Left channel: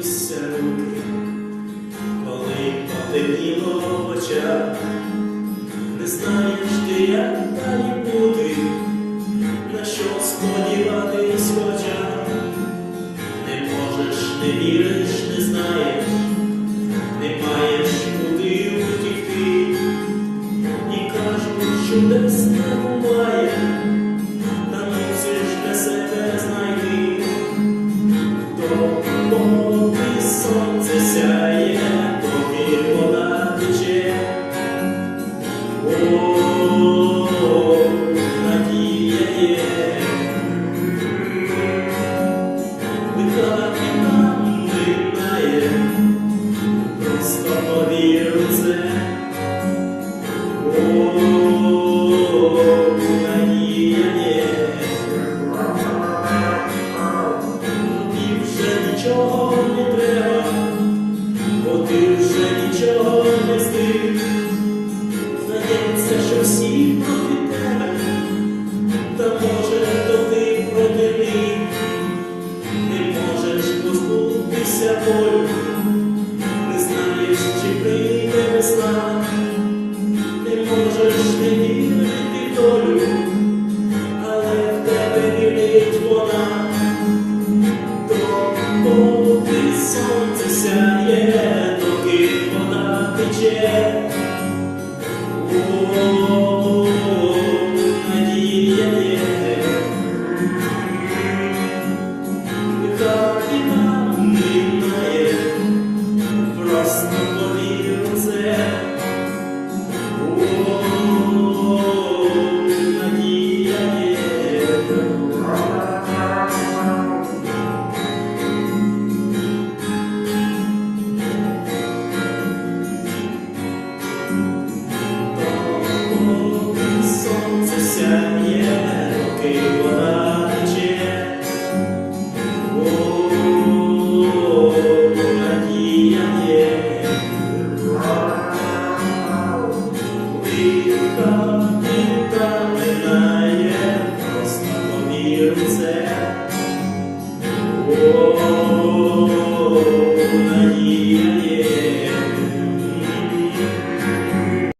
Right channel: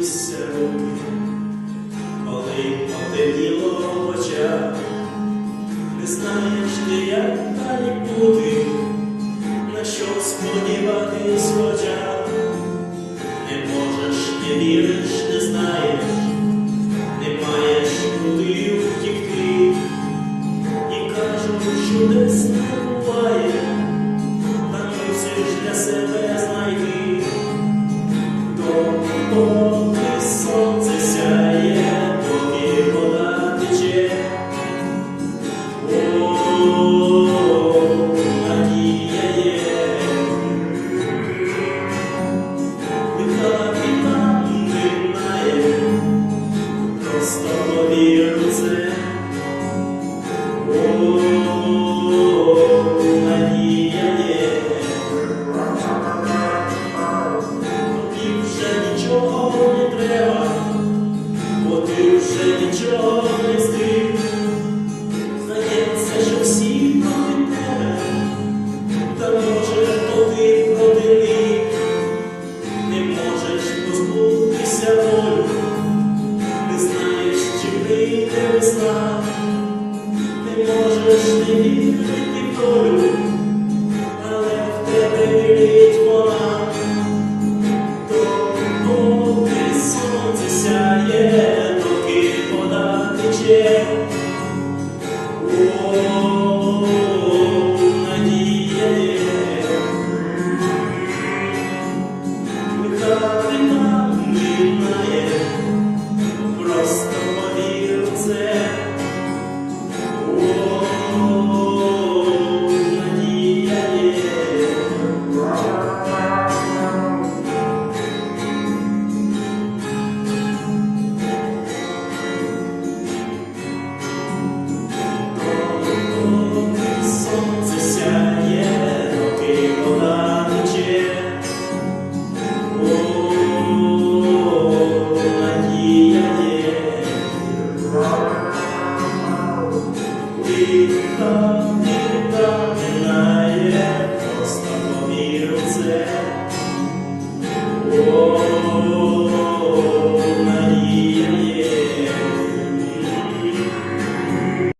тряслися руки, коли потемніло в очах, не знаєш ти, як далі бути, на що сподіватись хоча, не можеш, не віриш, не знаєш, не маєш куди втікти, і кажуть, чудес Здається, що всі проти тебе, та може Лиха віка минає, просто повір у це.